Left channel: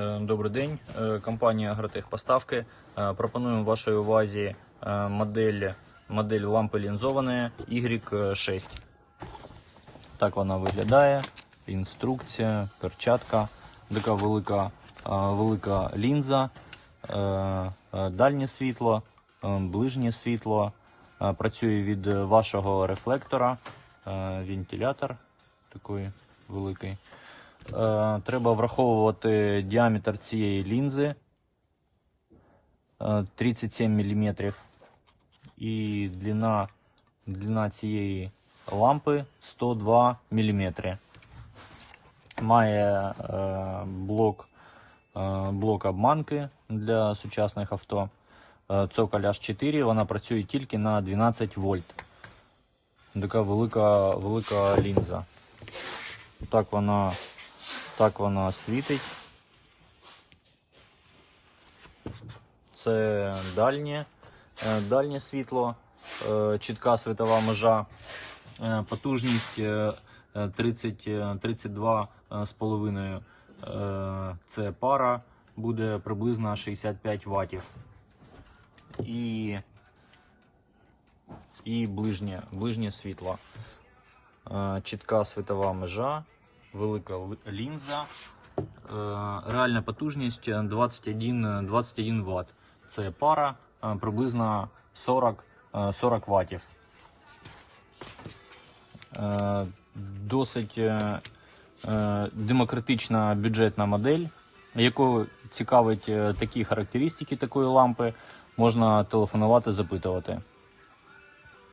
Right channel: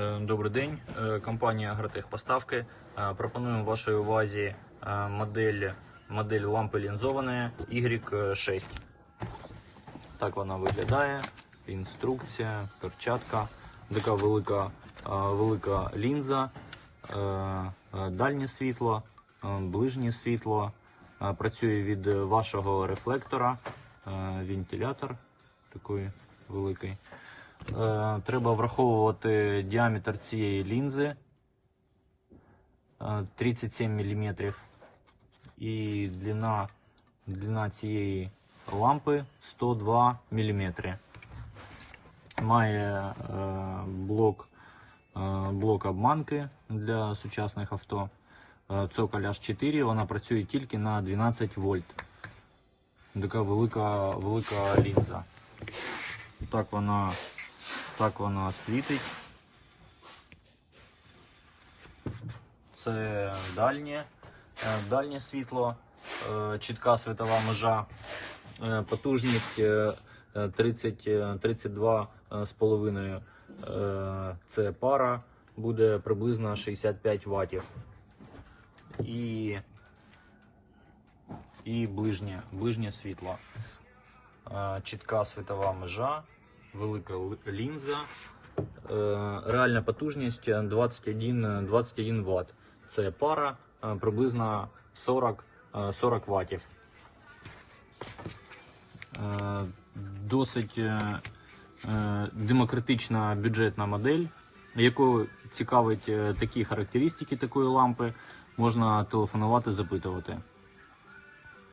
Е, Добрий день, Е, компанія Агротехпоставки. Е, Пропонуємо вашій увазі модель, модель лампи лінзованої Y6. Так вона виглядає. Інструкція, перчатка, така велика, велика лінза, дальнє світло, ближнє світло. Працює від вашого рефлектора, вентилятор такий великий. Е, Треба враховувати діаметр цієї лінзи е, 37 мм. І длина, длина цієї лампи 102 мм. Має е, блок, е, блок обманки для сучасних авто. Е, Цоколь H4, вона працює тільки на 12 вольт. Така велика, велика лінза. Так вона так вона світить. Це дальнє, е, дальнє світло, е, чітка світова межа, е, потужність е, е, 30, е, 32 е, з половиною. Е, Це пара, буде приблизно 65 ваттів. І, і ближнє, ближнє світло. Чітка світова межа велика лінза. Е, Реальна потужність 21, 21 Вт. Це пара е, приблизно 40, е, 40 Вт. Досить е, демократична бюджетна модель, яку цікавить такі характеристики такої лампи, можна телефонувати, запитувати.